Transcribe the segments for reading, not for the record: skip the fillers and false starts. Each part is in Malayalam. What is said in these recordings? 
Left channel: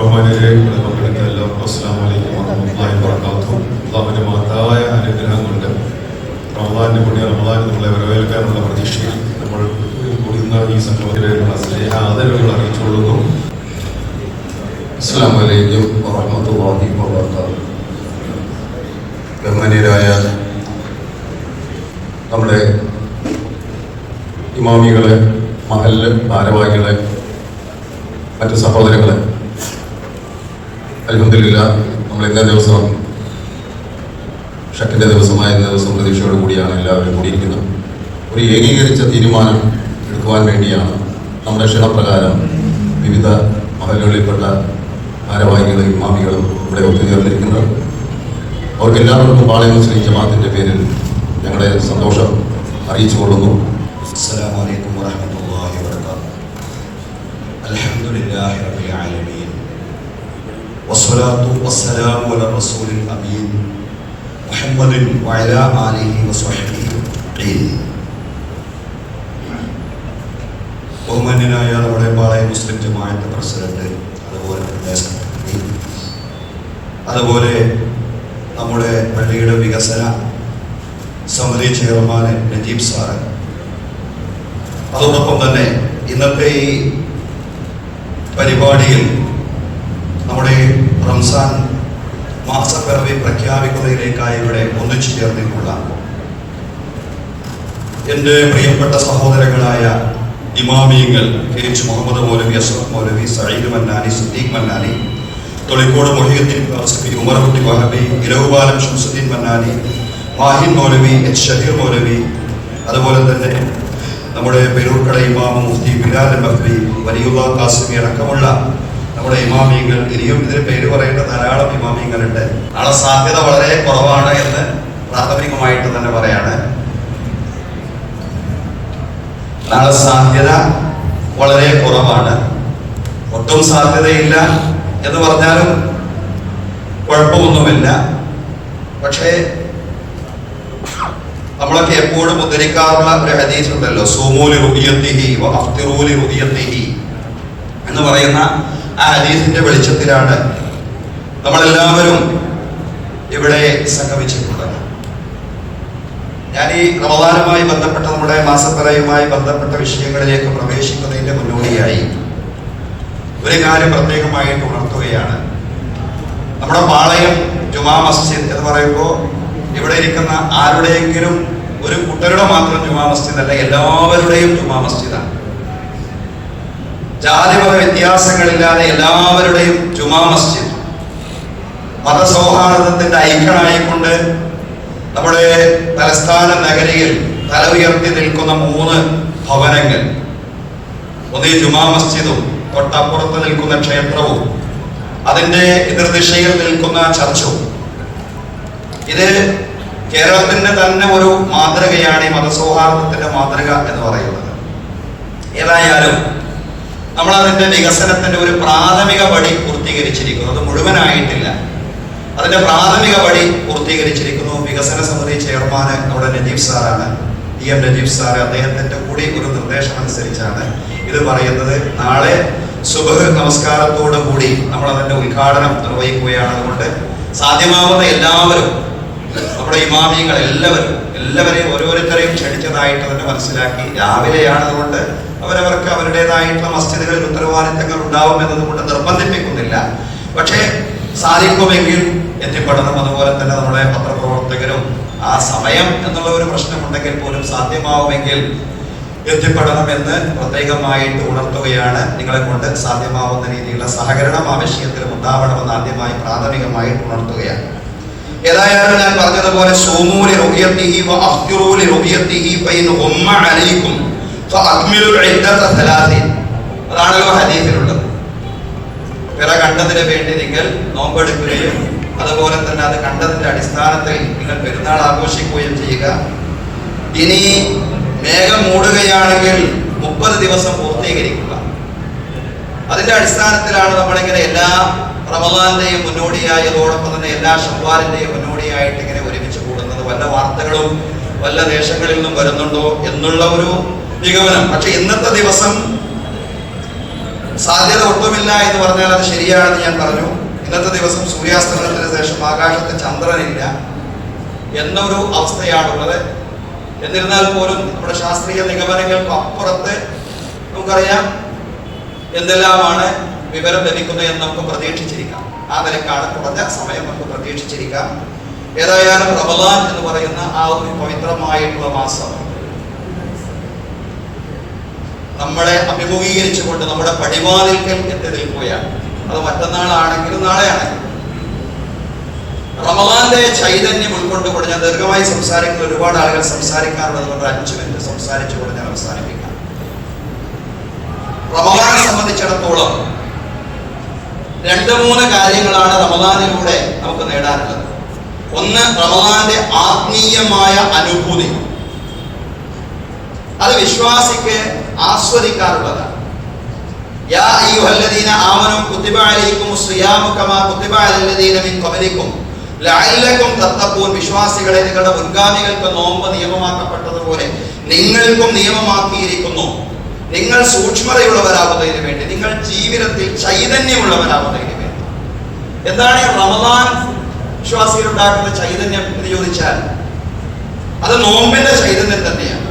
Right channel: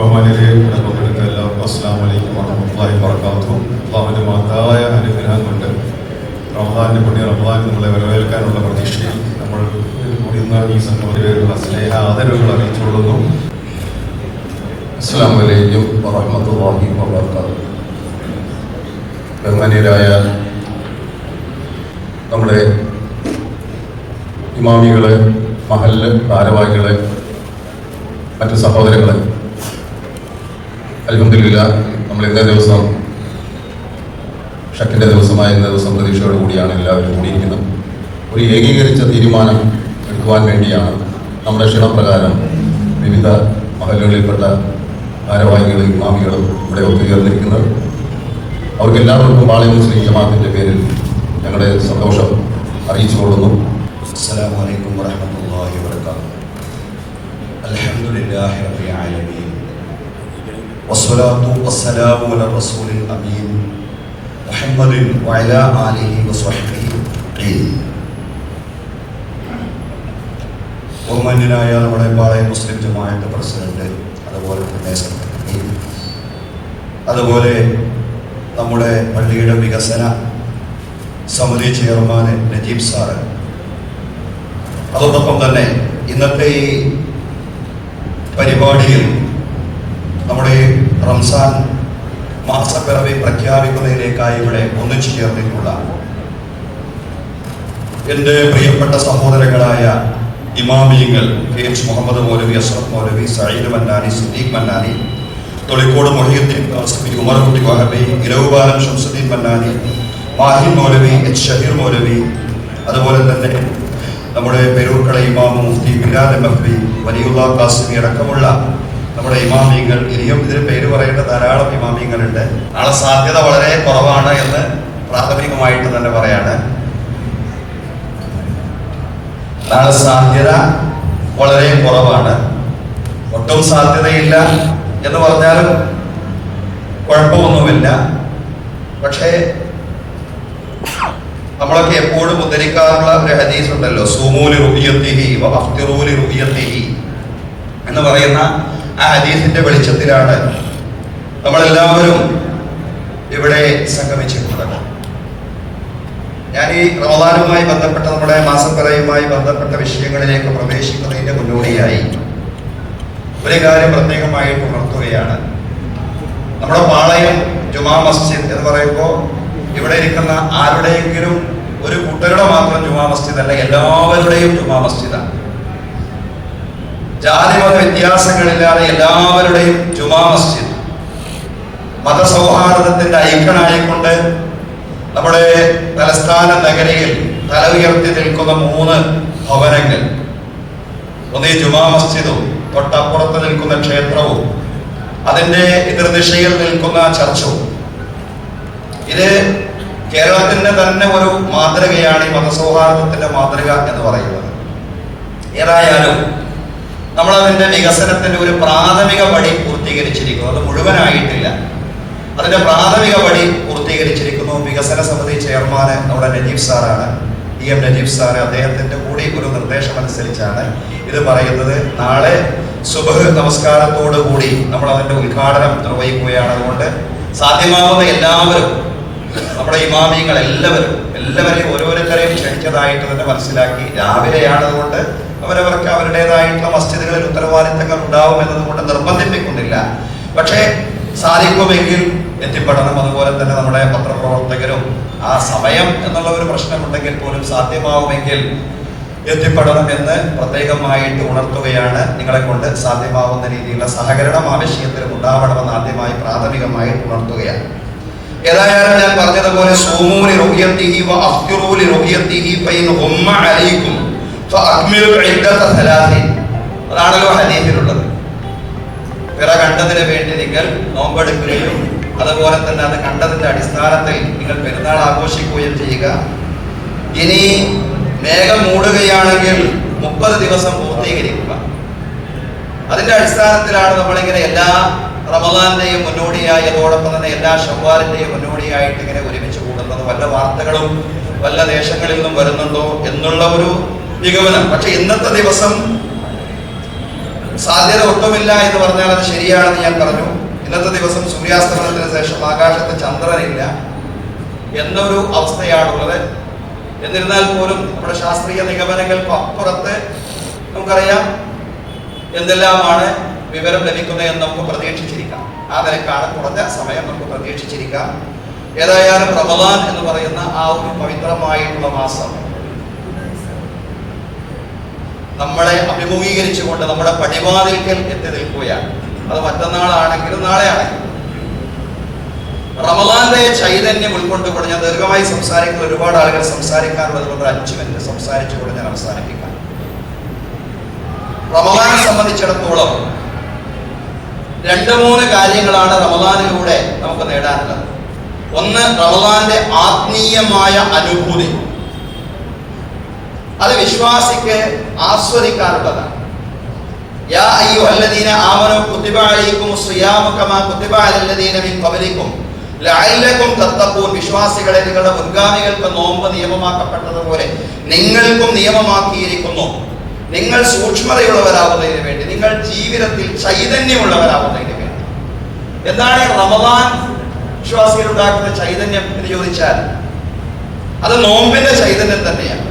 എല്ലാവർക്കും അസ്സലാമു അലൈക്കും വറഹ്മത്തുള്ളാഹി വബറകാതുഹു. അല്ലാഹുവിന്റെ മഹത്തായ അനുഗ്രഹം കൊണ്ട് റമദാനിന്റെ പുണ്യ റമദാൻ നമ്മളെ വരവേൽക്കാനുള്ള പ്രതീക്ഷയിൽ നമ്മൾ കൂടുന്ന ഈ സംഗമത്തിലുള്ള സ്നേഹ ആദരവുകൾ അറിയിച്ചുകൊള്ളുന്നു. അസ്സലാമു അലൈക്കും വറഹ്മത്തുള്ളാഹി വബറകാതുഹു. ബഹുമാന്യരായ നമ്മുടെ ഇമാമികളെ, മഹല്ല് ഭാരവാഹികളെ, മറ്റ് സഹോദരങ്ങളെ, അൽഹംദുലില്ലാഹ് നമ്മൾ ഇന്നേ ദിവസം ഷക്കിന്റെ ദിവസമായ ഇന്ന ദിവസം പ്രതീക്ഷയോട് കൂടിയാണ് എല്ലാവരും കൂടിയിരിക്കുന്നത്. ഒരു ഏകീകരിച്ച തീരുമാനം എടുക്കുവാൻ വേണ്ടിയാണ് നമ്മുടെ ക്ഷണപ്രകാരം വിവിധ മഹല്ലുകളിൽപ്പെട്ട ഭാരവാഹികളും ഇമാമികളും ഇവിടെ ഒത്തുചേർന്നിരിക്കുന്നത്. അവർക്ക് എല്ലാവർക്കും പാളയം മുസ്ലിം ജമാഅത്തിന്റെ പേരിൽ ഞങ്ങളുടെ സന്തോഷം അറിയിച്ചു കൊള്ളുന്നു. അസ്സലാമു അലൈക്കും വറഹ്മത്തുള്ളാഹി വബറകാതുഹു. അൽഹംദുലില്ലാഹി റബ്ബിൽ ആലമീൻ വസ്സലാത്തു വസ്സലാമു അലാ റസൂലിൽ അമീൻ മുഹമ്മദിൻ വഅലാ ആലിഹി വസ്വഹ്ബിഹി അജ്മഈൻ. ബഹുമാന്യനായ നമ്മുടെ പാളയം മുസ്ലിം ജമാഅത്ത് പ്രസിഡന്റ്, അതുപോലെ നമ്മുടെ പള്ളിയുടെ വികസന സമിതി ചെയർമാൻ നജീബ് സാറ്, അതോടൊപ്പം തന്നെ ഇന്നത്തെ ഈ പരിപാടിയിൽ നമ്മുടെ റംസാൻ മാസപ്പിറവി പ്രഖ്യാപിക്കുന്നതിലേക്കായി ഇവിടെ ഒന്നിച്ചു ചേർന്നിട്ടുള്ള എൻ്റെ പ്രിയപ്പെട്ട സഹോദരങ്ങളായ ഇമാമിയങ്ങൾ കെ.എച്ച്. മുഹമ്മദ് മൗലവി, അഷ്റഫ് മൗലവി, സഈദ് മന്നാനി, സിദ്ദീഖ് മന്നാനി, തൊളിക്കോട് മുഹിയുദ്ദീൻ ഖാസിമി, ഉമർകുട്ടി വഹബി, ഇലവുപാലം ഷംസുദ്ദീൻ മന്നാനി, മാഹിൻ മൗലവി, എച്ച്. ഷഹീർ മൗലവി, അതുപോലെ തന്നെ നമ്മുടെ പെരൂർക്കട ഇമാം മുഫ്തി ബിലാൽ മഹ്ബി, വലിയുള്ള ഖാസിമി അടക്കമുള്ള നമ്മുടെ ഇമാമിയങ്ങൾ, ഇനിയും ഇതിന് പേര് പറയേണ്ട ധാരാളം ഇമാമിയങ്ങളുണ്ട്. നാളെ സാധ്യത വളരെ കുറവാണ് എന്ന് പ്രാഥമികമായിട്ട് തന്നെ പറയാണ്. നാളെ സാധ്യത വളരെ കുറവാണ്. ഒട്ടും സാധ്യതയില്ല എന്ന് പറഞ്ഞാലും കുഴപ്പമൊന്നുമില്ല. പക്ഷേ നമ്മളൊക്കെ എപ്പോഴും ഉദ്ധരിക്കാറുള്ള ഒരു ഹദീസ് ഉണ്ടല്ലോ, സൂമൂലി റുബിയത്തിഹി വഅഫ്തിറൂലി റുബിയത്തിഹി എന്ന് പറയുന്ന ആ ഹദീസിന്റെ വെളിച്ചത്തിലാണ് നമ്മളെല്ലാവരും ഇവിടെ സംഗമിച്ചിട്ടുള്ളത്. ഞാൻ ഈ റമദാനുമായി ബന്ധപ്പെട്ട നമ്മുടെ മാസപ്പിറയുമായി ബന്ധപ്പെട്ട വിഷയങ്ങളിലേക്ക് പ്രവേശിക്കുന്നതിന്റെ മുന്നോടിയായി ഒരു കാര്യം പ്രത്യേകമായിട്ട് ഉണർത്തുകയാണ്. നമ്മുടെ പാളയം ജുമാ മസ്ജിദ് എന്ന് പറയുമ്പോൾ ഇവിടെ ഇരിക്കുന്ന ആരുടെയെങ്കിലും ഒരു കൂട്ടരുടെ മാത്രം ജുമാ മസ്ജിദ് അല്ല, എല്ലാവരുടെയും ജുമാ മസ്ജിദാണ്. ജാതിമത വ്യത്യാസങ്ങളില്ലാതെ എല്ലാവരുടെയും ജുമാ മസ്ജിദ് മതസൗഹാർദ്ദത്തിന്റെ ഐക്യനായിക്കൊണ്ട് നമ്മുടെ തലസ്ഥാന നഗരിയിൽ തല ഉയർത്തി നിൽക്കുന്ന 3 ഭവനങ്ങൾ, ഒന്ന് ജുമാ മസ്ജിദും തൊട്ടപ്പുറത്ത് നിൽക്കുന്ന ക്ഷേത്രവും അതിന്റെ എതിർദിശയിൽ നിൽക്കുന്ന ചർച്ചും, ഇത് കേരളത്തിന്റെ തന്നെ ഒരു മാതൃകയാണ്, ഈ മതസൗഹാർദ്ദത്തിന്റെ മാതൃക എന്ന് പറയുന്നത്. ഏതായാലും നമ്മൾ അതിന്റെ വികസനത്തിന്റെ ഒരു പ്രാഥമിക പടി പൂർത്തീകരിച്ചിരിക്കുന്നു. അത് മുഴുവനായിട്ടില്ല, അതിന്റെ പ്രാഥമിക പടി പൂർത്തീകരിച്ചിരിക്കുന്നു. വികസന സമിതി ചെയർമാൻ നമ്മുടെ നജീബ് സാറാണ്, DM നജീബ് സാറ്. അദ്ദേഹത്തിന്റെ കൂടി ഒരു നിർദ്ദേശം അനുസരിച്ചാണ് ഇത് പറയുന്നത്. നാളെ സുബഹ് നമസ്കാരത്തോടു കൂടി നമ്മൾ അതിന്റെ ഉദ്ഘാടനം നിർവഹിക്കുകയാണ്. അതുകൊണ്ട് സാധ്യമാവുന്ന എല്ലാവരും, നമ്മുടെ ഇമാമിയങ്ങൾ എല്ലാവരെയും ഓരോരുത്തരെയും ക്ഷണിച്ചതായിട്ട് തന്നെ മനസ്സിലാക്കി. രാവിലെയാണ്, അതുകൊണ്ട് അവരവർക്ക് അവരുടേതായിട്ടുള്ള മസ്ജിദുകളിൽ ഉത്തരവാദിത്തങ്ങൾ ഉണ്ടാവും എന്നതുകൊണ്ട് നിർബന്ധിപ്പിക്കുന്നില്ല. പക്ഷേ സാധിക്കുമെങ്കിൽ എത്തിപ്പെടണം. അതുപോലെ തന്നെ നമ്മുടെ പത്രപ്രവർത്തകരും ആ സമയം എന്നുള്ള ഒരു പ്രശ്നമുണ്ടെങ്കിൽ പോലും സാധ്യമാവുമെങ്കിൽ എത്തിപ്പെടണം എന്ന് പ്രത്യേകമായിട്ട് ഉണർത്തുകയാണ്. നിങ്ങളെ കൊണ്ട് സാധ്യമാവുന്ന രീതിയിലുള്ള സഹകരണം ആ വിഷയത്തിലും ഉണ്ടാവണമെന്ന് ആദ്യമായി പ്രാഥമികമായിട്ട് ഉണർത്തുകയാണ്. ഏതായാലും ഞാൻ പറഞ്ഞതുപോലെ സൂമൂലി റുഖിയത്തിഹി വഅഫ്തിറൂലി റുഖിയത്തിഹി ഫൈൻ ഉമ്മ അലൈക്കും ഫഅക്മിലുൽ ഇദ്ദത 30. അതാണല്ലോ ഹദീസിലുള്ളത്. പിറ കണ്ടതിന് വേണ്ടി നിങ്ങൾ നോമ്പെടുക്കുകയും അതുപോലെ തന്നെ അത് കണ്ടതിന്റെ അടിസ്ഥാനത്തിൽ നിങ്ങൾ പെരുന്നാൾ ആഘോഷിക്കുകയും ചെയ്യുക. ഇനി മേഘം മൂടുകയാണെങ്കിൽ 30 ദിവസം പൂർത്തീകരിക്കുക. അതിന്റെ അടിസ്ഥാനത്തിലാണ് നമ്മളിങ്ങനെ എല്ലാ റമദാന്റെയും മുന്നോടിയായി, അതോടൊപ്പം തന്നെ എല്ലാ ശവ്വാലിന്റെയും മുന്നോടിയായിട്ട് ഇങ്ങനെ ഒരുമിച്ച് കൂടുന്നത്. വല്ല വാർത്തകളും വല്ല ദേശങ്ങളിൽ നിന്നും വരുന്നുണ്ടോ എന്നുള്ള ഒരു നിഗമനം. പക്ഷെ ഇന്നത്തെ ദിവസം സാധ്യത ഒട്ടുമില്ല എന്ന് പറഞ്ഞാൽ അത് ശരിയാണെന്ന് ഞാൻ പറഞ്ഞു. ഇന്നത്തെ ദിവസം സൂര്യാസ്തമനത്തിന് ശേഷം ആകാശത്ത് ചന്ദ്രനില്ല എന്നൊരു അവസ്ഥയാണുള്ളത്. എന്നിരുന്നാൽ പോലും നമ്മുടെ ശാസ്ത്രീയ നിഗമനങ്ങൾക്ക് അപ്പുറത്ത് നമുക്കറിയാം എന്തെല്ലാമാണ് വിവരം ലഭിക്കുന്നത് എന്ന് നമുക്ക് പ്രതീക്ഷിച്ചിരിക്കാം. ആ നിലക്കാണ് കുറഞ്ഞ സമയം നമുക്ക് പ്രതീക്ഷിച്ചിരിക്കാം. ഏതായാലും റമദാൻ എന്ന് പറയുന്ന ആ ഒരു പവിത്രമായിട്ടുള്ള മാസം നമ്മളെ അഭിമുഖീകരിച്ചുകൊണ്ട് നമ്മുടെ പടിവാതിൽക്കൽ എത്തി നിൽക്കുകയാണ്. അത് മറ്റന്നാളാണെങ്കിലും നാളെയാണെങ്കിലും റമദാന്റെ ചൈതന്യം ഉൾക്കൊണ്ടുകൊണ്ട് ഞാൻ ദീർഘമായി സംസാരിക്കുന്ന ഒരുപാട് ആളുകൾ സംസാരിക്കാറുള്ളത് കൊണ്ട് 5 മിനിറ്റ് സംസാരിച്ചുകൊണ്ട് ഞാൻ അവസാനിപ്പിക്കാം. റമദാനെ സംബന്ധിച്ചിടത്തോളം 2-3 കാര്യങ്ങളാണ് റമദാനിലൂടെ നമുക്ക് നേടാനുള്ളത്. ഒന്ന്, റമദാന്റെ ആത്മീയമായ അനുഭൂതി. അത് വിശ്വാസിക്ക് ആസ്വദിക്കാറുള്ളതാണ്. യാ അയ്യുഹല്ലദീന ആമനൂ കുതിബ അലൈക്കുമുസ് സിയാമു കമാ കുതിബ അലല്ലദീന മിൻ ഖബലിക്കും ലഅല്ലകും തത്തഖൂൻ. വിശ്വാസികളെ, നിങ്ങളുടെ മുൻഗാമികൾക്ക് നോമ്പ് നിയമമാക്കപ്പെട്ടതുപോലെ നിങ്ങൾക്കും നിയമമാക്കിയിരിക്കുന്നു. നിങ്ങൾ സൂക്ഷ്മതയുള്ളവരാവുന്നതിന് വേണ്ടി, നിങ്ങൾ ജീവിതത്തിൽ ചൈതന്യമുള്ളവരാവുന്നതിന് വേണ്ടി. എന്താണ് ഈ റമദാൻ വിശ്വാസികൾ ഉണ്ടാക്കുന്ന ചൈതന്യം എന്ന് ചോദിച്ചാൽ അത് നോമ്പിന്റെ ചൈതന്യം തന്നെയാണ്.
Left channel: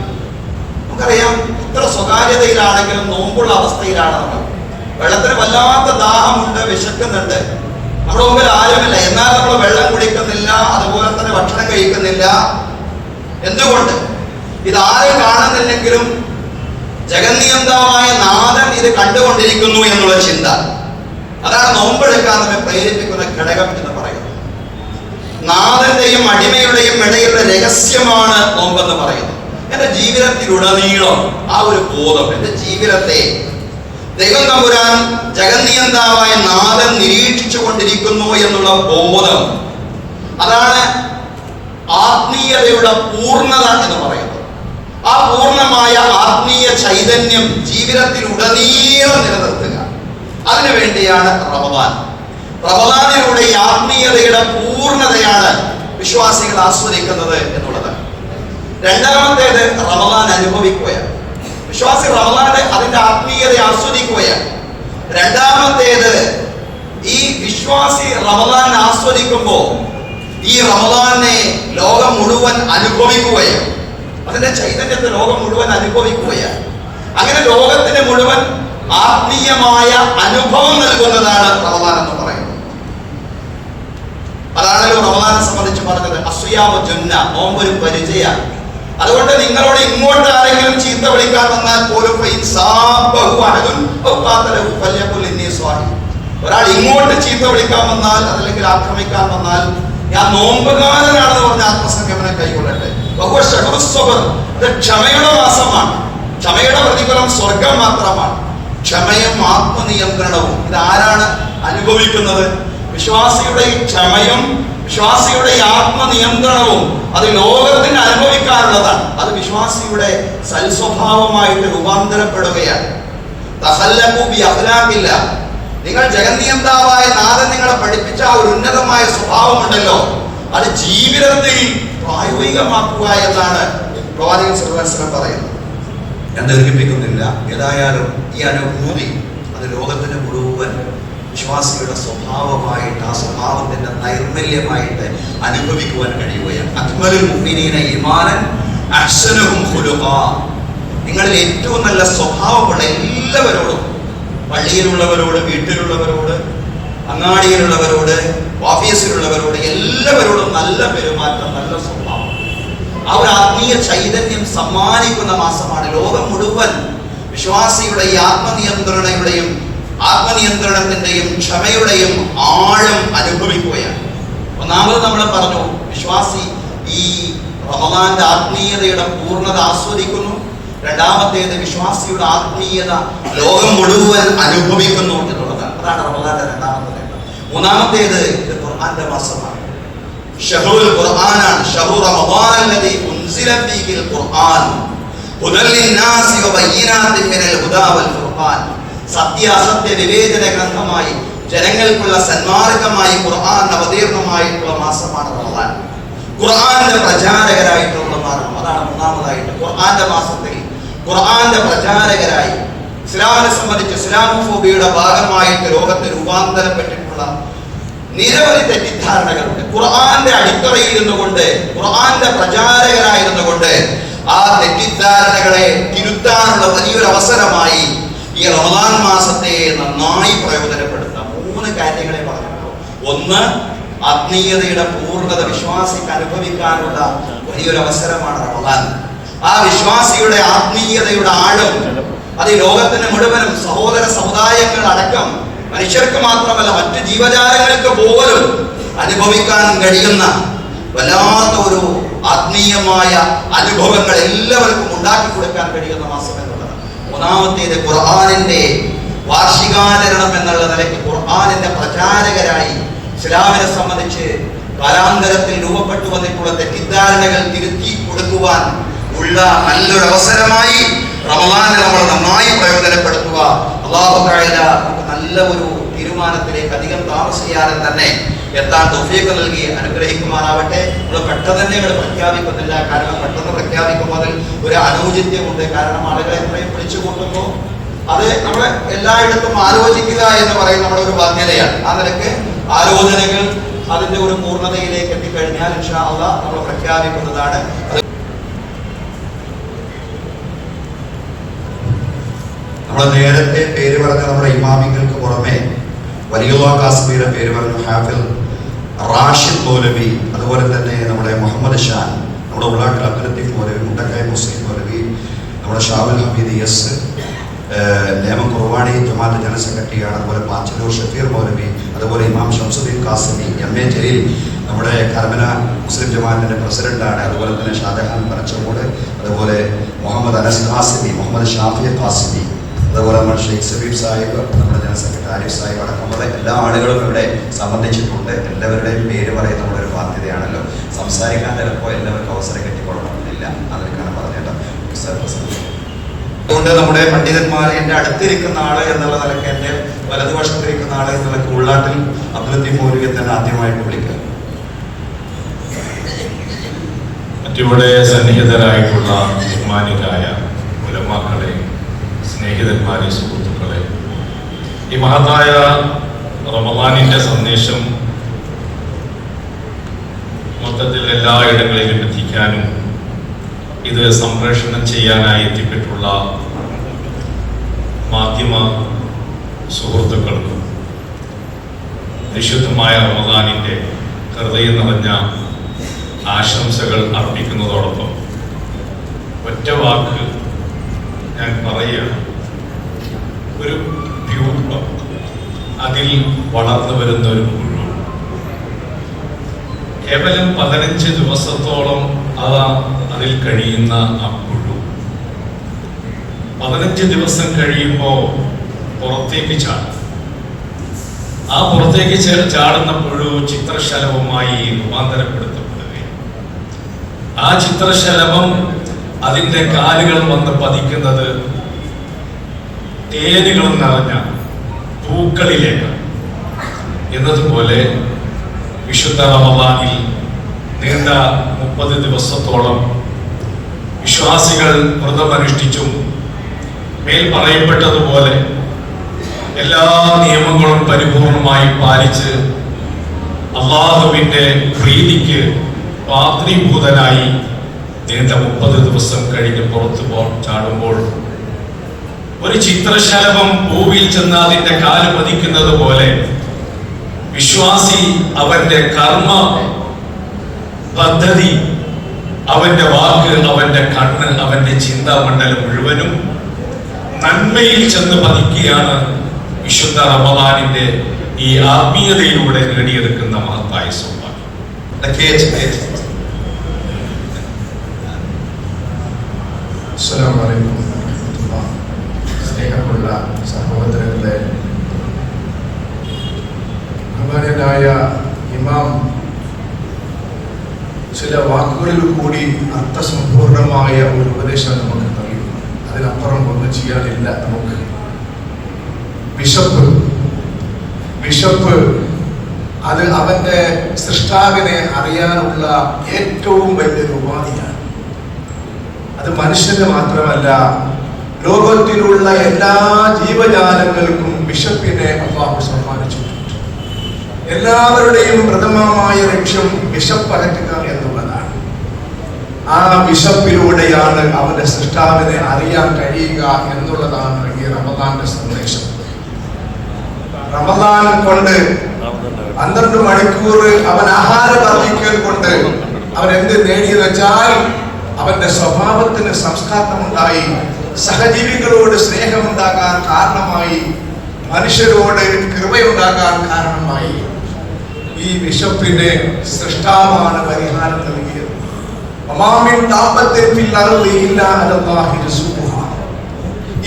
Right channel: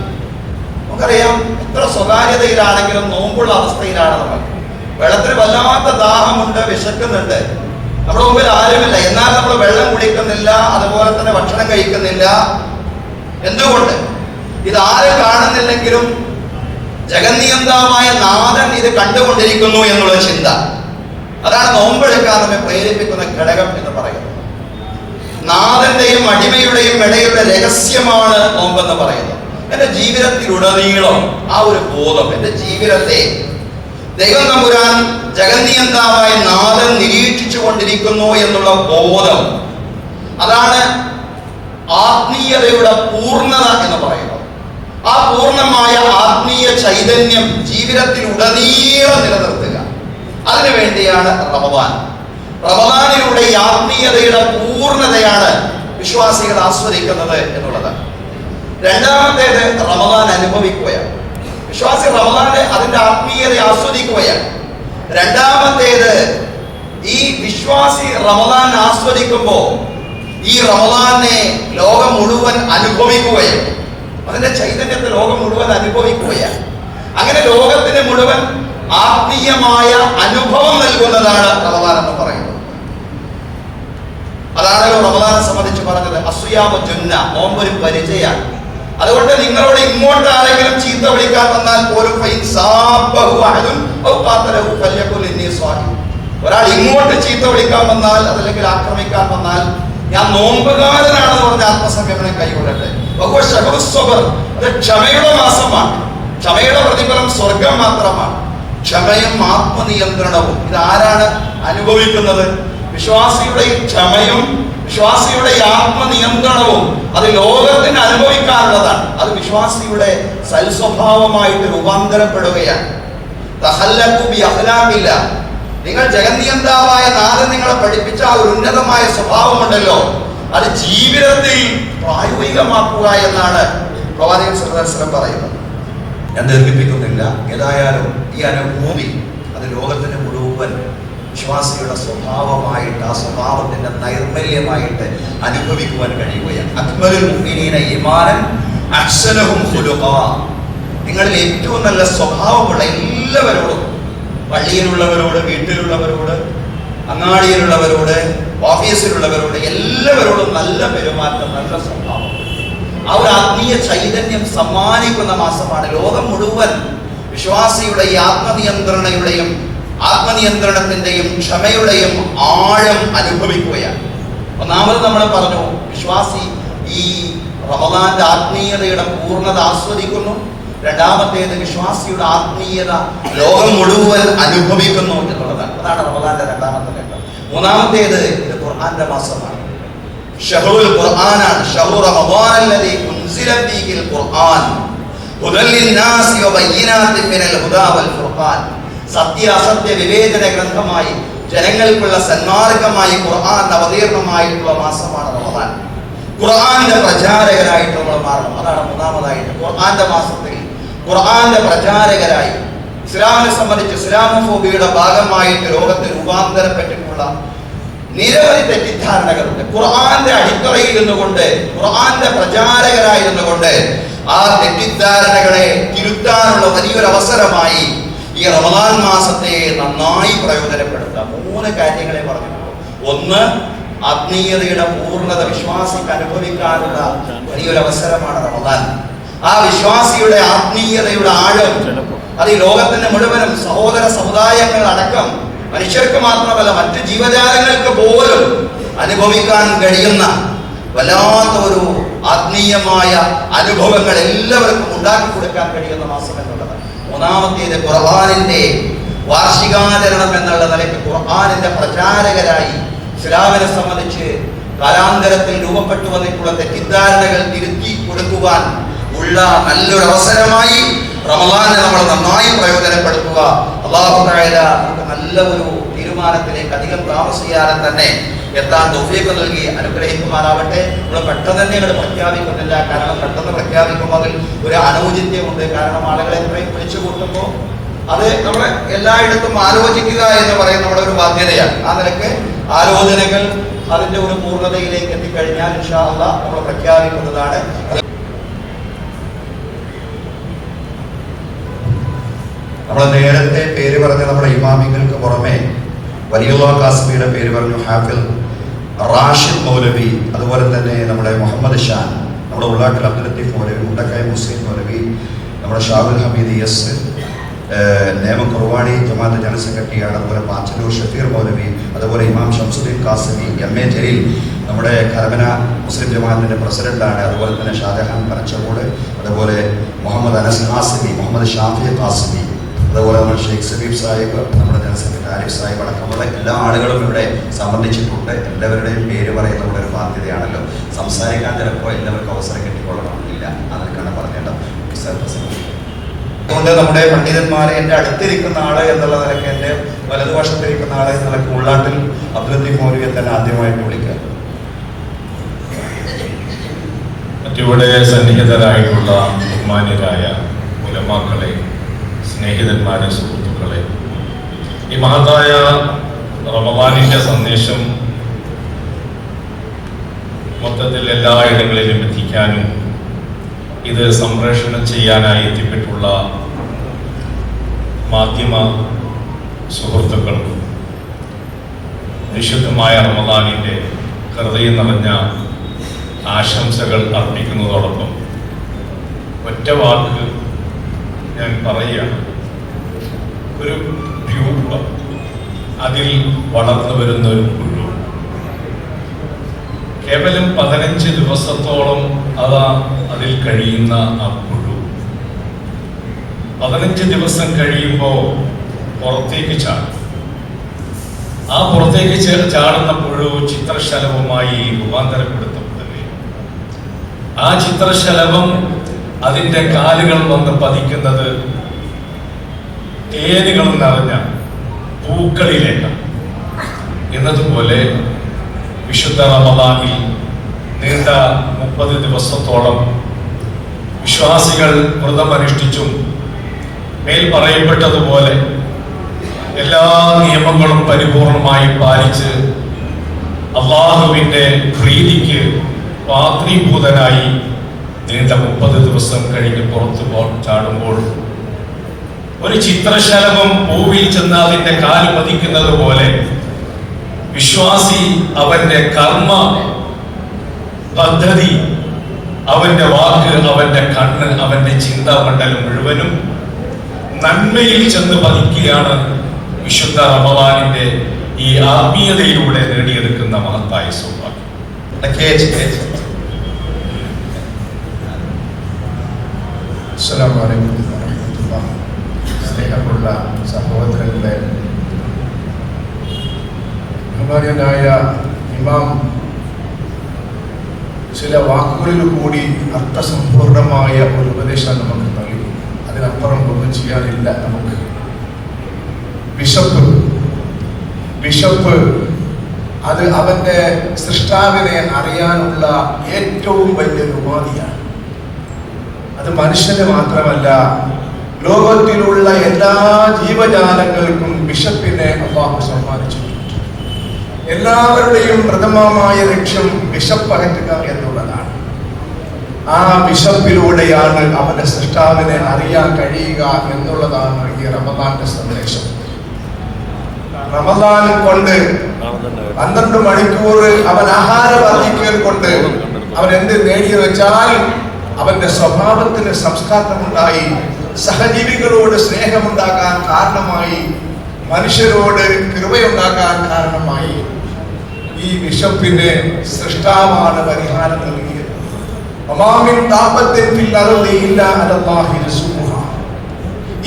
നമുക്കറിയാം, എത്ര സ്വകാര്യതയിലാണെങ്കിലും നോമ്പുള്ള അവസ്ഥയിലാണ് നമ്മൾ. വെള്ളത്തിന് വല്ലാത്ത ദാഹമുണ്ട്, വിശക്കുന്നുണ്ട്, നമ്മുടെ മുമ്പിൽ ആരുമില്ല, എന്നാൽ നമ്മൾ വെള്ളം കുടിക്കുന്നില്ല, അതുപോലെ തന്നെ ഭക്ഷണം കഴിക്കുന്നില്ല. എന്തുകൊണ്ട്? ഇതാരും കാണുന്നില്ലെങ്കിലും ജഗന്നിയന്താവായ നാഥൻ ഇത് കണ്ടുകൊണ്ടിരിക്കുന്നു എന്നുള്ള ചിന്ത, അതാണ് നോമ്പെടുക്കാൻ നമ്മെ പ്രേരിപ്പിക്കുന്ന ഘടകം എന്ന് പറയുന്നത്. നാഥന്റെയും അടിമയുടെയും ഇടയിലുള്ള രഹസ്യമാണ് നോമ്പെന്ന് പറയുന്നത്. എന്റെ ജീവിതത്തിലുടനീളം ആ ഒരു ബോധം, എന്റെ ജീവിതത്തെ ദൈവം തമ്പുരാൻ ജഗന്നിയന്താവായ നാഥൻ നിരീക്ഷിച്ചു കൊണ്ടിരിക്കുന്നു എന്നുള്ള ബോധം, അതാണ് ആത്മീയതയുടെ പൂർണ്ണത എന്ന് പറയുന്നത്. ആ പൂർണ്ണമായ ആത്മീയ ചൈതന്യം ജീവിതത്തിലുടനീളം നിലനിർത്തുക, അതിനുവേണ്ടിയാണ് റമദാൻ. റമദാനിലൂടെ ഈ ആത്മീയതയുടെ പൂർണ്ണതയാണ് വിശ്വാസികൾ ആസ്വദിക്കുന്നത് എന്നുള്ളത്. രണ്ടാമത്തേത്, റമദാൻ അനുഭവിക്കുകയാണ്. വിശ്വാസി റമദാനെ അതിന്റെ ആത്മീയത ആസ്വദിക്കുകയാണ്. രണ്ടാമത്തേത്, ഈ വിശ്വാസി റമദാൻ ആസ്വദിക്കുമ്പോൾ ഈ റമദാനെ ലോകം മുഴുവൻ അനുഭവിക്കുകയാണ്. അതിന്റെ ചൈതന്യത്തെ ലോകം മുഴുവൻ അനുഭവിക്കുകയാണ്. അങ്ങനെ ലോകത്തിന് മുഴുവൻ ആത്മീയമായ അനുഭവം നൽകുന്നതാണ് റമദാൻ എന്ന് പറയുന്നത്. അതാണല്ലോ റമദാനെ സംബന്ധിച്ച് പറഞ്ഞത്, അസ്യാമു ജുന്ന, നോമ്പൊരു പരിചയമാണ്. അതുകൊണ്ട് നിങ്ങളോട് ഇങ്ങോട്ട് ആരെങ്കിലും ചീത്ത വിളിക്കാൻ വന്നാൽ പോലും ഒരാൾ ഇങ്ങോട്ട് ചീത്ത വിളിക്കാൻ വന്നാൽ, അതല്ലെങ്കിൽ ആക്രമിക്കാൻ വന്നാൽ, ഞാൻ നോമ്പുകാരനാണെന്ന് പറഞ്ഞ ആത്മസംഗമനം കൈകൊള്ളട്ടെ. ഇത് ക്ഷമയുടെ മാസമാണ്. ക്ഷമയുടെ പ്രതിഫലം സ്വർഗം മാത്രമാണ്. ക്ഷമയും ആത്മനിയന്ത്രണവും ഇതാരാണ് അനുഭവിക്കുന്നത്? വിശ്വാസിയുടെ ഈ ക്ഷമയും വിശ്വാസിയുടെ ഈ ആത്മനിയന്ത്രണവും അത് ലോകത്തിന് അനുഭവിക്കാനുള്ളതാണ്. അത് വിശ്വാസിയുടെ സൽസ്വഭാവമായിട്ട് രൂപാന്തരപ്പെടുകയാണ്. നിങ്ങൾ ജഗന്നിയന്താവായ നാഥൻ നിങ്ങളെ പഠിപ്പിച്ച ആ ഒരു ഉന്നതമായ സ്വഭാവമുണ്ടല്ലോ, അത് ജീവിതത്തിൽ പ്രായോഗികമാക്കുക എന്നാണ് പ്രവാചകൻ സല്ലല്ലാഹു അലൈഹി വസല്ലം പറയുന്നത്. ഞാൻ ദീർഘിപ്പിക്കുന്നില്ല. ഏതായാലും ഈ അനുഭൂതി അത് ലോകത്തിന് മുഴുവൻ വിശ്വാസികളുടെ സ്വഭാവമായിട്ട്, ആ സ്വഭാവത്തിന്റെ നൈർമല്യമായിട്ട് അനുഭവിക്കുവാൻ കഴിയുകയാണ്. അക്മലുൽ മുഅ്മിനീന ഈമാനൻ അഹ്സനുഹും ഖുലുഖാ. നിങ്ങളിൽ ഏറ്റവും നല്ല സ്വഭാവമുള്ള എല്ലാവരോടും, പള്ളിയിലുള്ളവരോട്, വീട്ടിലുള്ളവരോട്, അങ്ങാടിയിലുള്ളവരോട്, ഓഫീസിലുള്ളവരോട്, എല്ലാവരോടും നല്ല പെരുമാറ്റം, നല്ല സ്വഭാവം, ആ ഒരു ആത്മീയ ചൈതന്യം സമ്മാനിക്കുന്ന മാസമാണ്. ലോകം മുഴുവൻ വിശ്വാസിയുടെ ഈ ആത്മനിയന്ത്രണത്തിന്റെയും ക്ഷമയുടെയും ആഴം അനുഭവിക്കുകയാണ്. ഒന്നാമത് നമ്മൾ പറഞ്ഞു, വിശ്വാസി ഈ റമദാന്റെ ആത്മീയതയുടെ പൂർണ്ണത ആസ്വദിക്കുന്നു. രണ്ടാമത്തേത്, വിശ്വാസിയുടെ ആത്മീയത ലോകം മുഴുവൻ അനുഭവിക്കുന്നു എന്നുള്ളതാണ്. അതാണ് റമദാന്റെ രണ്ടാമത്തെ ഘട്ടം. മൂന്നാമത്തേത്, ഇത് ഖുർആന്റെ മാസമാണ്. ഷഹ്റുൽ ഖുർആനാണ്. ഷഹ്റു റമദാനല്ലദീ ഉൻസില ഫീഹിൽ ഖുർആൻ ഹുദൽ ലിന്നാസി വബയ്യിനാത്തിൻ മിനൽ ഹുദാ വൽ ഫുർഖാൻ. സത്യ അസത്യ വിവേചന ഗ്രന്ഥമായി, ജനങ്ങൾക്കുള്ള സന്മാർഗമായി ഖുർആൻ അവതീർണമായിട്ടുള്ള മാസമാണ് റമദാൻ. ഖുർആന്റെ പ്രചാരകരായിട്ട് നമ്മൾ മാറണം. അതാണ് മൂന്നാമതായിട്ട്. ഖുർആന്റെ മാസത്തിൽ ഖുർആന്റെ പ്രചാരകരായി, ഇസ്ലാമിനെ സംബന്ധിച്ച് ഇസ്ലാമോഫോബിയയുടെ ഭാഗമായിട്ട് ലോകത്ത് രൂപാന്തരപ്പെട്ടിട്ടുള്ള നിരവധി തെറ്റിദ്ധാരണകളുണ്ട്. ഖുർആന്റെ അടിത്തറയിൽ ഇരുന്നുകൊണ്ട്, ഖുർആന്റെ പ്രചാരകരായിരുന്നുകൊണ്ട് ആ തെറ്റിദ്ധാരണകളെ തിരുത്താനുള്ള വലിയൊരു അവസരമായി ഈ റമദാൻ മാസത്തെ നന്നായി പ്രയോജനപ്പെടുത്താം. 3 കാര്യങ്ങളെ പറഞ്ഞിട്ടുള്ളൂ. ഒന്ന്, ആത്മീയതയുടെ പൂർണ്ണത വിശ്വാസിക്ക് അനുഭവിക്കാനുള്ള വലിയൊരു അവസരമാണ് റമദാൻ. ആ വിശ്വാസിയുടെ ആത്മീയതയുടെ ആഴം അത് ഈ ലോകത്തിന് മുഴുവനും സഹോദര സമുദായങ്ങൾ അടക്കം മനുഷ്യർക്ക് മാത്രമല്ല മറ്റ് ജീവജാലങ്ങൾക്ക് പോലും അനുഭവിക്കാൻ കഴിയുന്ന വല്ലാത്ത ഒരു ആത്മീയമായ അനുഭവങ്ങൾ എല്ലാവർക്കും ഉണ്ടാക്കി കൊടുക്കാൻ കഴിയുന്ന മാസം എന്നുള്ളത്. മൂന്നാമത്തേത്, ഖുർആനിന്റെ വാർഷികാചരണം എന്നുള്ള നിലയ്ക്ക് ഖുർആനിന്റെ പ്രചാരകരായി ഇസ്ലാമിനെ സംബന്ധിച്ച് കാലാന്തരത്തിൽ രൂപപ്പെട്ടു വന്നിട്ടുള്ള തെറ്റിദ്ധാരണകൾ തിരുത്തി കൊടുക്കുവാൻ ഉള്ള നല്ലൊരു അവസരമായി റമദാനെ നമ്മൾ നന്നായി പ്രയോജനപ്പെടുത്തുക. അല്ലാഹു തആല നമുക്ക് നല്ല ഒരു തീരുമാനത്തിലേക്ക് അധികം താമസിയാതെ തന്നെ എത്താൻ തൗഫീഖ് നൽകി അനുഗ്രഹിക്കുമാറാവട്ടെ. നമ്മൾ പെട്ടെന്ന് തന്നെ പ്രഖ്യാപിക്കുന്നില്ല. കാരണം പെട്ടെന്ന് പ്രഖ്യാപിക്കുമ്പോൾ അതിൽ ഒരു അനൗചിത്യമുണ്ട്. കാരണം ആളുകളെ എത്രയും വിളിച്ചു കൂട്ടുമ്പോൾ അത് നമ്മൾ എല്ലായിടത്തും ആലോചിക്കുക എന്ന് പറയുന്ന നമ്മുടെ ഒരു ബാധ്യതയാണ്. ആ നിലക്ക് ആലോചനകൾ അതിന്റെ ഒരു പൂർണ്ണതയിലേക്ക് എത്തിക്കഴിഞ്ഞാൽ ഇൻഷാ അല്ലാഹ് നമ്മൾ പ്രഖ്യാപിക്കുന്നതാണ്. നമ്മൾ നേരത്തെ പേര് പറഞ്ഞ നമ്മുടെ ഇമാമിങ്ങൾക്ക് പുറമെ വലിയുല്ലാ കാസിമിയുടെ പേര് പറഞ്ഞു, ഹാഫിൽ റാഷിദ് മൗലവി, അതുപോലെ തന്നെ നമ്മുടെ മുഹമ്മദ് ഷാൻ, നമ്മുടെ ഉള്ളാക്കൽ അബ്ദുൽ ലത്തീഫ് മൗലവി, മുണ്ടക്കായ മുസ്ലിം മൗലവി, നമ്മുടെ ഷാഹുൽ ഹമീദ് എസ്, നേമ കുർവാണി ജമാഅത്ത് ജനറൽ സെക്രട്ടറിയാണ്, അതുപോലെ പാച്ചലൂർ ഷഫീർ മൗലവി, അതുപോലെ ഇമാം ഷംസുദ്ദീൻ കാസിമി, MA ജലീൽ നമ്മുടെ കരമന മുസ്ലിം ജമാഅത്തിന്റെ പ്രസിഡന്റാണ്, അതുപോലെ തന്നെ ഷാജഹാൻ പനച്ചമൂട്, അതുപോലെ മുഹമ്മദ് അനസ് കാസിമി, മുഹമ്മദ് ഷാഫി കാസിമി, അതുപോലെ നമ്മുടെ ഷെയ്ഖ് സബീബ് സാഹിബ്, നമ്മുടെ ജനറൽ സെക്രട്ടറി ആരിഫ് സാഹിബ് അടക്കമുള്ള എല്ലാ ആളുകളും ഇവിടെ സംബന്ധിച്ചിട്ടുണ്ട്. എല്ലാവരുടെയും പേര് പറയുന്ന നമ്മുടെ ഒരു ബാധ്യതയാണല്ലോ. സംസാരിക്കാൻ ചിലപ്പോൾ എല്ലാവർക്കും അവസരം കിട്ടിക്കൊള്ളണമെന്നില്ല. അതിനൊക്കെയാണ് പറഞ്ഞേണ്ടത്. അതുകൊണ്ട് നമ്മുടെ പണ്ഡിതന്മാരെ എൻ്റെ അടുത്തിരിക്കുന്ന ആള് എന്നുള്ള നിലയ്ക്ക്, എൻ്റെ വലതുവശത്തിരിക്കുന്ന ആള് എന്നുള്ള ഉള്ളാട്ടിൽ അബ്ദുൽ ലത്തീഫ് മൗലവിയെ തന്നെ ആദ്യമായിട്ട് വിളിക്കുക. മറ്റിവിടെ സന്നിഹിതരായിട്ടുള്ള ബഹുമാന്യരായ ഉലമാക്കളെ, സ്നേഹിതന്മാരെ, സുഹൃത്തുക്കളെ, ഈ മഹത്തായ റമദാനിന്റെ സന്ദേശം മൊത്തത്തിൽ എല്ലായിടങ്ങളിലും എത്തിക്കാനും ഇത് സംപ്രേഷണം ചെയ്യാനായി എത്തിപ്പെട്ടുള്ള മാധ്യമ സുഹൃത്തുക്കൾ വിശുദ്ധമായ റമദാനിന്റെ ഹൃദയം നിറഞ്ഞ ആശംസകൾ അർപ്പിക്കുന്നതോടൊപ്പം ഒറ്റ വാക്ക് ഞാൻ പറയുകയാണ്. ഒരു ട്യൂബ്, അതിൽ വളർന്നു വരുന്ന ഒരു പുഴു, കേവലം 15 ദിവസത്തോളം അതിൽ കഴിയുന്ന ആ പുഴു 15 ദിവസം കഴിയുമ്പോൾ പുറത്തേക്ക് ചാടും. ആ പുറത്തേക്ക് ചാടുന്ന പുഴു ചിത്രശലഭമായി രൂപാന്തരപ്പെടുത്തപ്പെടുകയും ആ ചിത്രശലഭം അതിന്റെ കാലുകൾ വന്ന് പതിക്കുന്നത് തേനുകൾ നിറഞ്ഞ പൂക്കളിലേക്ക്. എന്നതുപോലെ വിശുദ്ധ റമദാനിൽ നീണ്ട 30 ദിവസത്തോളം വിശ്വാസികൾ വ്രതമനുഷ്ഠിച്ചും മേൽ പറയപ്പെട്ടതുപോലെ എല്ലാ നിയമങ്ങളും പരിപൂർണമായി പാലിച്ച് അല്ലാഹുവിന്റെ പ്രീതിക്ക് പാത്രീഭൂതനായി നീണ്ട 30 ദിവസം കഴിഞ്ഞ് പുറത്തു ചാടുമ്പോൾ ഒരു ചിത്രശലഭം പൂവിൽ ചെന്ന് അതിന്റെ കാല് പതിക്കുന്നത് പോലെ വിശ്വാസി അവന്റെ കർമ്മ പദ്ധതി, അവന്റെ വാക്ക്, അവന്റെ കണ്ണ്, അവന്റെ ചിന്താമണ്ഡലം മുഴുവനും നന്മയിൽ ചെന്ന് പതിക്കുകയാണ് വിശുദ്ധ റമദാനിന്റെ ഈ ആത്മീയതയിലൂടെ നേടിയെടുക്കുന്ന മഹത്തായ സൗഭാഗ്യം. അസ്സലാമു അലൈക്കും വറഹ്മത്തുള്ളാഹി. സ്നേഹമുള്ള സഹോദരങ്ങളെ, ബഹുമാന്യനായ ഇമാം ചില വാക്കുകളിൽ കൂടി അർത്ഥസമ്പൂർണമായ ഒരു ഉപദേശം നമുക്ക് നൽകി. അതിനപ്പുറം ഒന്നും ചെയ്യാനില്ല. നമുക്ക് വിശപ്പ് അത് അവന്റെ സൃഷ്ടാവിനെ അറിയാനുള്ള ഏറ്റവും വലിയ ഉപാധിയാണ്. അത് മനുഷ്യന് മാത്രമല്ല, ലോകത്തിലുള്ള എല്ലാ ജീവജാലങ്ങൾക്കും വിശപ്പിനെ അല്ലാഹു സമ്മാനിച്ചിട്ടുണ്ട്. എല്ലാവരുടെയും പ്രഥമമായ ലക്ഷ്യം വിശപ്പകറ്റുക എന്നുള്ളതാണ്. ആ വിശപ്പിലൂടെയാണ് അവന്റെ സൃഷ്ടാവിനെ അറിയാൻ കഴിയുക എന്നുള്ളതാണ് ഈ റമദാന്റെ സന്ദേശം. റമദാൻ കൊണ്ട് 12 മണിക്കൂർ അവൻ ആഹാര വർദ്ധിക്കൽ കൊണ്ട് അവൻ എന്ത് നേടിയെന്ന് വെച്ചാൽ അവന്റെ സ്വഭാവത്തിന് സംസ്കാരമുണ്ടായി, സഹജീവികളോട് സ്നേഹമുണ്ടാകാൻ കാരണമായി, മനുഷ്യരോട് കൃപയുണ്ടാകാൻ കാരണമായി. ഈ വിശപ്പിന് സൃഷ്ടാവാണ് പരിഹാരം നൽകിയത്.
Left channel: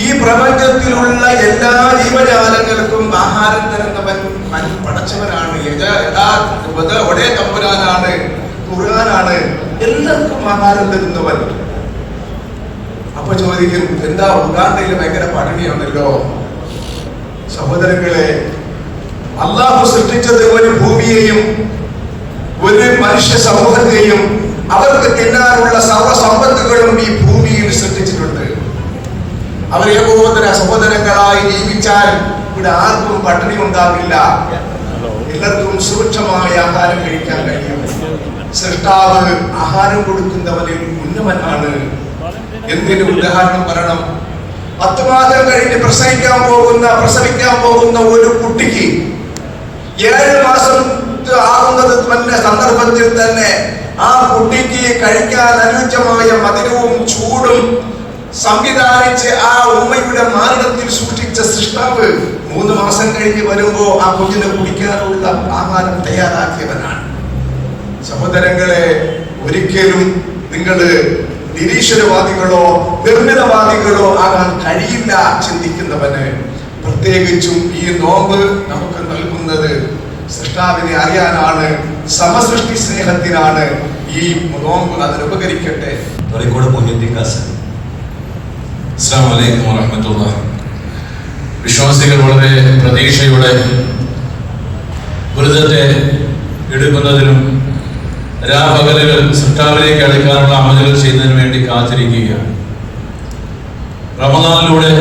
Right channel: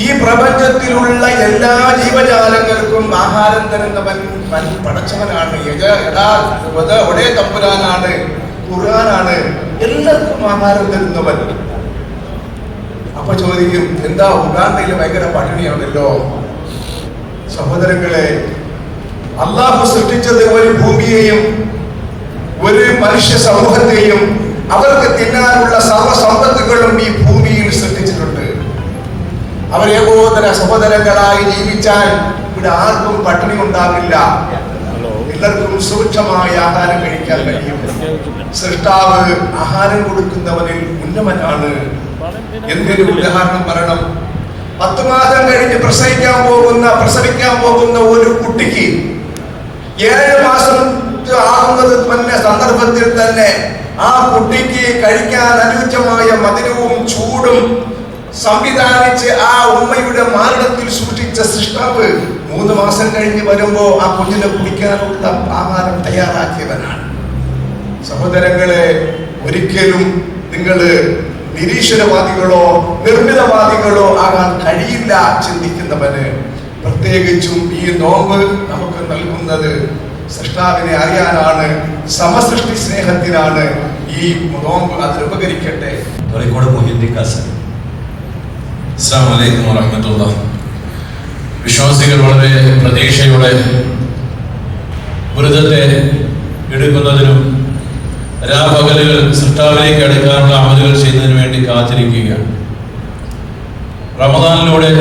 ഈ പ്രപഞ്ചത്തിലുള്ള എല്ലാ ജീവജാലങ്ങൾക്കും ആഹാരം തരുന്നവൻ പടച്ചവനാണ്, ഒരേ തമ്പുരാനാണ്, ഖുർആനാണ്, എല്ലാവർക്കും ആഹാരം തരുന്നവൻ. അപ്പൊ ചോദിക്കും, എന്താ ഉഗാണ്ടയിൽ ഭയങ്കര പട്ടിണിയാണല്ലോ? സഹോദരങ്ങളെ, അള്ളാഹു സൃഷ്ടിച്ചത് ഒരു ഭൂമിയെയും ഒരു മനുഷ്യ സമൂഹത്തെയും അവർക്ക് തിന്നാനുള്ള സർവ്വസമ്പത്തുകളും ഈ ഭൂമിയിൽ സൃഷ്ടിച്ചിട്ടുണ്ട്. അവർ ഏകോദര സഹോദരങ്ങളായി ജീവിച്ചാൽ ഇവിടെ ആർക്കും പട്ടിണി ഉണ്ടാവില്ല, എല്ലാവർക്കും സുഭിക്ഷമായ ആഹാരം കഴിക്കാൻ കഴിയും. സൃഷ്ടാവ് ആഹാരം കൊടുക്കുന്നവനിൽ ഉന്നതനാണ്. എന്തിനു ഉദാഹരണം പറയണം? 10 മാസം കഴിഞ്ഞ് പ്രസവിക്കാൻ പോകുന്ന ഒരു കുട്ടിക്ക് 7 മാസം ആകുന്നത് തന്നെ സന്ദർഭത്തിൽ തന്നെ ആ കുട്ടിക്ക് കഴിക്കാൻ അനുയോജ്യമായ മധുരവും ചൂടും സംവിധാനിച്ച് ആ ഉമ്മയുടെ മാറിടത്തിൽ സൃഷ്ടിച്ച സൃഷ്ടാവ് 3 മാസം കഴിഞ്ഞ് വരുമ്പോ ആ കുഞ്ഞിനെ കുടിക്കാനുള്ള ആഹാരം തയ്യാറാക്കിയവനാണ്. സഹോദരങ്ങളെ, ഒരിക്കലും നിങ്ങൾ നിരീശ്വരവാദികളോ നിർമ്മിതവാദികളോ ആകാൻ കഴിയില്ല. ചിന്തിക്കുന്നവന് പ്രത്യേകിച്ചും ഈ നോമ്പ് നമുക്ക് നൽകുന്നത് സൃഷ്ടാവിനെ അറിയാനാണ്, സമസൃഷ്ടി സ്നേഹത്തിനാണ്. ഈ നോമ്പ് അതിന് ഉപകരിക്കട്ടെ. അസ്സലാമു അലൈക്കും വറഹ്മത്തുള്ളാഹി. വിശ്വാസികൾ വളരെ പ്രതീക്ഷയോടെ വ്രതത്തെ എടുക്കുന്നതിനും രാപകലുകൾ സൃഷ്ടാവിലേക്ക് അടുക്കാനുള്ള അമലുകൾ ചെയ്യുന്നതിന് വേണ്ടി കാത്തിരിക്കുകയാണ്. റമദാനിലൂടെ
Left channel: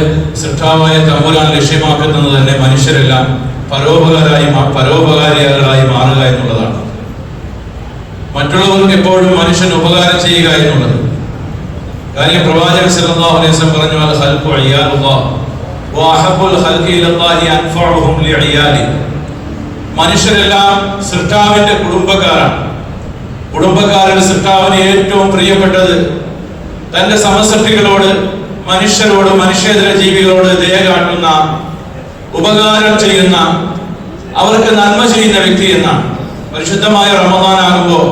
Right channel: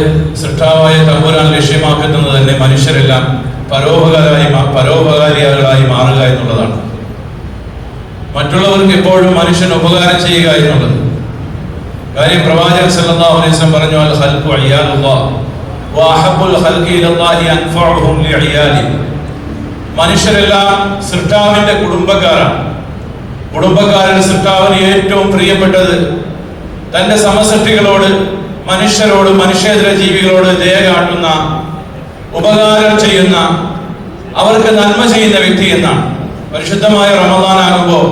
സൃഷ്ടാവായ തമ്പുരാൻ ലക്ഷ്യമാക്കുന്നത് തന്നെ മനുഷ്യരെല്ലാം പരോപകാരികളായി മാറുക എന്നുള്ളതാണ്. മറ്റുള്ളവർക്ക് എപ്പോഴും മനുഷ്യൻ ഉപകാരം ചെയ്യുക എന്നുള്ളത്. കാര്യം പ്രവാചകൻ സല്ലല്ലാഹു അലൈഹി വസല്ലം പറഞ്ഞു, അൽ ഖൽഖു അയ്യാലുല്ലാഹ് വഅഹബ്ബുൽ ഖൽഖി ഇലല്ലാഹി അൻഫഉഹും ലിഅയാലി. മനുഷ്യരെല്ലാം സൃഷ്ടാവിന്റെ കുടുംബക്കാരാണ്. കുടുംബക്കാരന് സൃഷ്ടാവിന് ഏറ്റവും പ്രിയപ്പെട്ടത് തന്റെ സമസൃഷ്ടികളോട്, മനുഷ്യരോട്, മനുഷ്യേതര ജീവികളോട് ദയ കാട്ടുന്ന, ഉപകാരം ചെയ്യുന്ന, അവർക്ക് നന്മ ചെയ്യുന്ന വ്യക്തി എന്നാണ്. പരിശുദ്ധമായ റമദാനാകുമ്പോൾ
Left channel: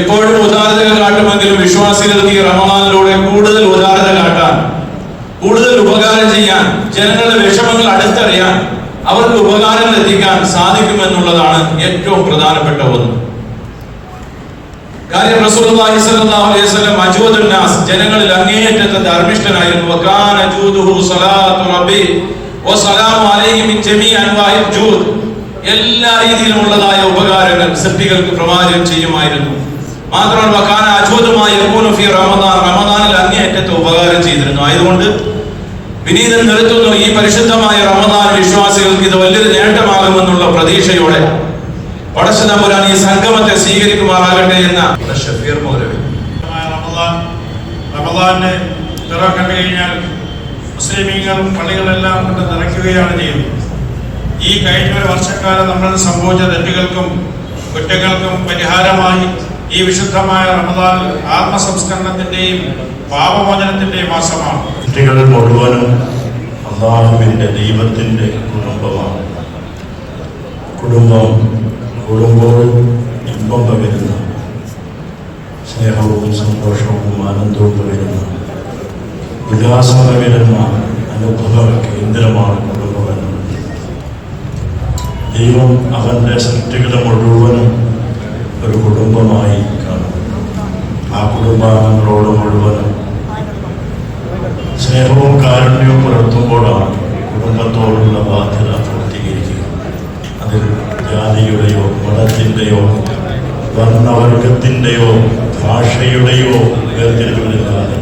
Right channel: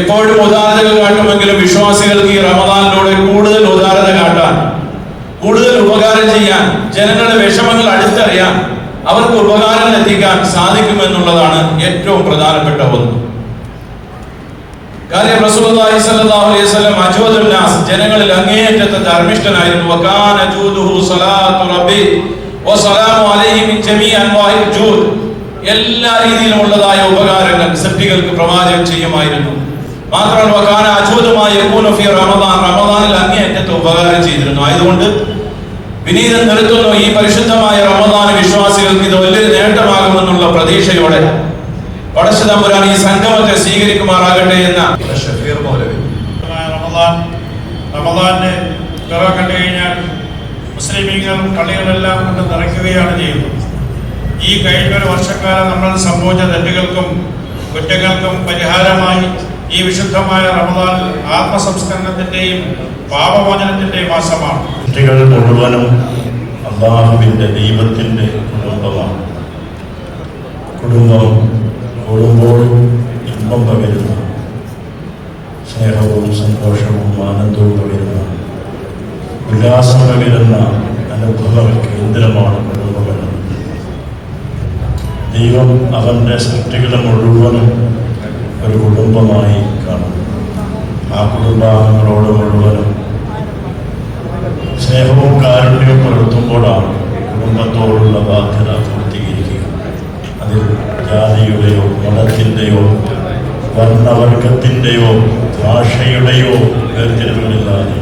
എപ്പോഴും ഉദാരത കാട്ടുമെങ്കിലും വിശ്വാസികൾക്ക് ഈ റമദാനിലൂടെ കൂടുതൽ ഉദാരത കാട്ടാൻ, കൂടുതൽ ഉപകാരം ചെയ്യാൻ, ജനങ്ങളുടെ വിഷമങ്ങൾ അടുത്തറിയാൻ, അവർക്ക് ഉപകാരം എത്തിക്കാൻ സാധിക്കുമെന്നുള്ളതാണ് ഏറ്റവും പ്രധാനപ്പെട്ട ഒന്ന്. കാര്യം റസൂലുള്ളാഹി സ്വല്ലല്ലാഹു അലൈഹി വസല്ലം അജൂദുൻ നാസ്, ജനങ്ങളിൽ അങ്ങേയറ്റത്തെ ധർമ്മിഷ്ഠനായിരുന്നു. വകാന ജൂദുഹു സ്വലാത്തു റബ്ബി വസലാമു അലൈഹി മിൻ ജമീഇ അൻവാഇൽ ജൂദ്. എല്ലാ രീതിയിലുമുള്ളതായ ഉപകാരങ്ങൾ സൃഷ്ടികൾക്ക് പ്രവാചകൻ ചെയ്യുമായിരുന്നു. മാത്രമല്ല വകാന അജൂദുമായി യകൂനു ഫീ റമദാൻ, റമദാനിൽ അങ്ങേയറ്റത്തെ ഉപകാരം ചെയ്തിരുന്നു. ആയതുകൊണ്ട് വിനീതം നിർത്തുന്നു, ഈ പരിശുദ്ധമായ റമദാൻ വിശ്വാസികൾക്ക് ഇത് വലിയൊരു നേട്ടമാകുമെന്നുള്ള പ്രതീക്ഷയോടെ പടച്ച തമ്പുരാൻ ഈ സംഗമത്തെ സ്വീകരിക്കുമാറാകട്ടെ എന്ന ഷഫീർ മൗലവി. റമദാന്റെ പിറ കണ്ടു കഴിഞ്ഞാൽ മുസ്ലിമീങ്ങളും പള്ളികളെല്ലാം കൊണ്ട് നിറയ്ക്കുകയാണ് ചെയ്യുന്നത്. ഈ കഴിഞ്ഞ ഒരു വർഷക്കാലം നമ്മൾ സംഭവിച്ച തെറ്റുകൾക്കും കുറ്റങ്ങൾക്കും പരിഹാരമായി ഈ വിശുദ്ധമായ റമദാൻ ആത്മസംസ്കരണത്തിന്റെയും പാപമോചനത്തിന്റെയും മാസമാണ്. കുട്ടികൾ മുഴുവനും അല്ലാഹുവിന്റെ ദൈവത്തിന്റെ കുടുംബമാണ്. കുടുംബം കൂടുമ്പോൾ ഇമ്പം പകരുന്ന, സ്നേഹവും സന്തോഷവും ആനന്ദവും പകരുന്ന, വികാസം പകരുന്ന അനുഭവ കേന്ദ്രമാണ് കുടുംബമെന്ന്. ദൈവം അവന്റെ സൃഷ്ടികളെ മുഴുവനും ഒരു കുടുംബമായി കാണുന്നു. ആ കുടുംബാംഗങ്ങളോട് മുഴുവനും സ്നേഹവും കാരുണ്യവും പുലർത്തുമ്പോഴാണ് കുടുംബത്തോടുള്ള ബാധ്യത പൂർത്തീകരിക്കുക. അതിൽ ജാതിയുടെയോ മതത്തിൻ്റെയോ വർണ്ണവർഗത്തിൻ്റെയോ ഭാഷയുടെയോ വേർതിരിവുകളില്ലാതെ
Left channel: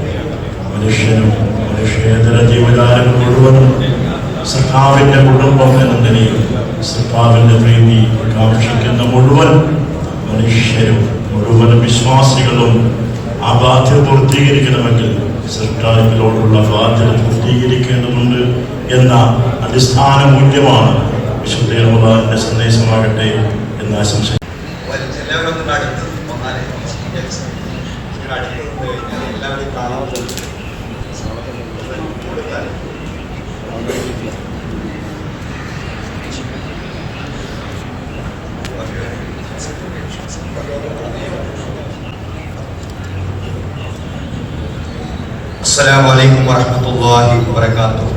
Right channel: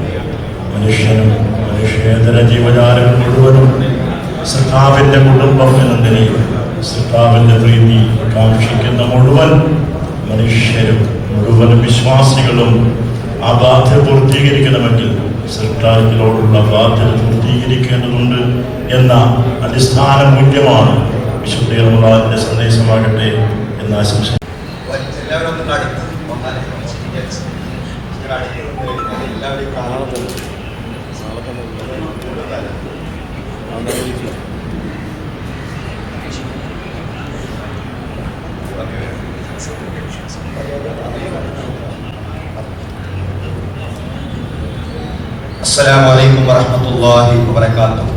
മനുഷ്യനും മനുഷ്യേതര ജീവജാലങ്ങൾ മുഴുവനും സഖാവിൻ്റെ കുടുംബം എന്ന നിലയിൽ സഖാവിൻ്റെ പ്രീതി കാക്ഷിക്കുന്ന മുഴുവൻ മനുഷ്യരും മുഴുവൻ വിശ്വാസികളും ആ ബാധ്യത പൂർത്തീകരിക്കണമെങ്കിൽ സർക്കാരുകളോടുള്ള ബാധ്യത പൂർത്തീകരിക്കേണ്ടതുണ്ട് എന്ന അടിസ്ഥാന മൂല്യമാണ് വിശുദ്ധ റമദാനിന്റെ സന്ദേശമാകട്ടെ എന്ന് ആശംസിക്കുന്നു. അസ്സലാമു അലൈക്കും വറഹ്മത്തുള്ളാഹി വബറകാതുഹു.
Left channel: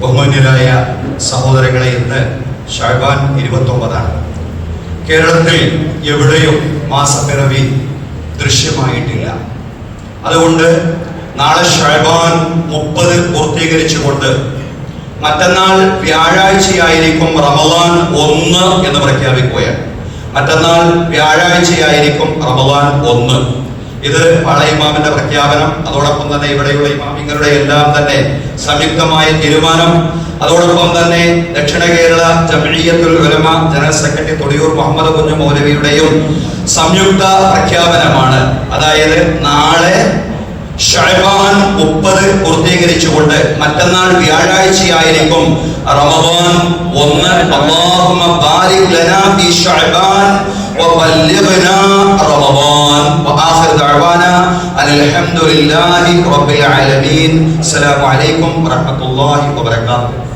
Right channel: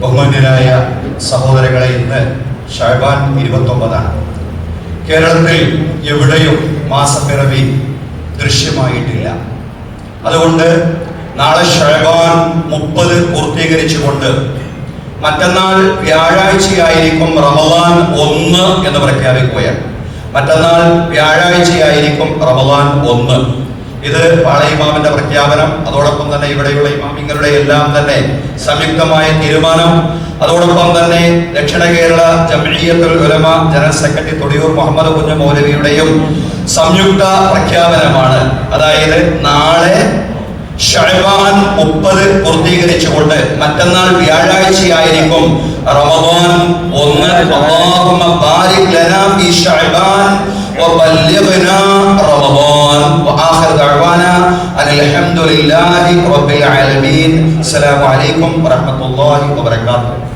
ബഹുമാന്യരായ സഹോദരങ്ങളെ, ഇന്ന് ശഅബാൻ 29 കേരളത്തിൽ എവിടെയും മാസപ്പിറവി ദൃശ്യമായിട്ടില്ല. അതുകൊണ്ട് നാളെ ശഅബാൻ 30 പൂർത്തീകരിച്ചുകൊണ്ട് മറ്റന്നാൾ വ്യാഴാഴ്ചയായിരിക്കും റമദാൻ 1 എന്ന് പ്രഖ്യാപിക്കുകയാണ്. മറ്റന്നാൾ വ്യാഴാഴ്ചയായിരിക്കും റമദാൻ 1. ഇത് പാളയ ഇമാമിന്റെ പ്രഖ്യാപനം, അതോടൊപ്പം തന്നെ ഇവിടെയുള്ള ഇമാമിങ്ങളുടെ എല്ലാം തന്നെ സംയുക്തമായ തീരുമാനം, അതോടൊപ്പം തന്നെ ദക്ഷിണ കേരള ജംഇയ്യത്തുൽ ഉലമ ജനറൽ സെക്രട്ടറി തൊടിയൂർ മുഹമ്മദ് കുഞ്ഞു മൗലവിയുടെയും സംയുക്ത പ്രഖ്യാപനമാണ്. അതായത് നാളെ ശഅബാൻ 30 പൂർത്തീകരിച്ചുകൊണ്ട് മറ്റന്നാൾ വ്യാഴാഴ്ചയായിരിക്കും റമദാൻ 1. അല്ലാഹുമ്മ ബാരിക് ലനാ ഫീ ശഅബാൻ വബല്ലിഗ്നാ റമദാൻ. വആഖിറ ദഅവാനാ അൽഹംദുലില്ലാഹി റബ്ബിൽ ആലമീൻ. അസ്സലാമു അലൈക്കും വറഹ്മത്തുള്ളാഹി വബറകാതുഹു.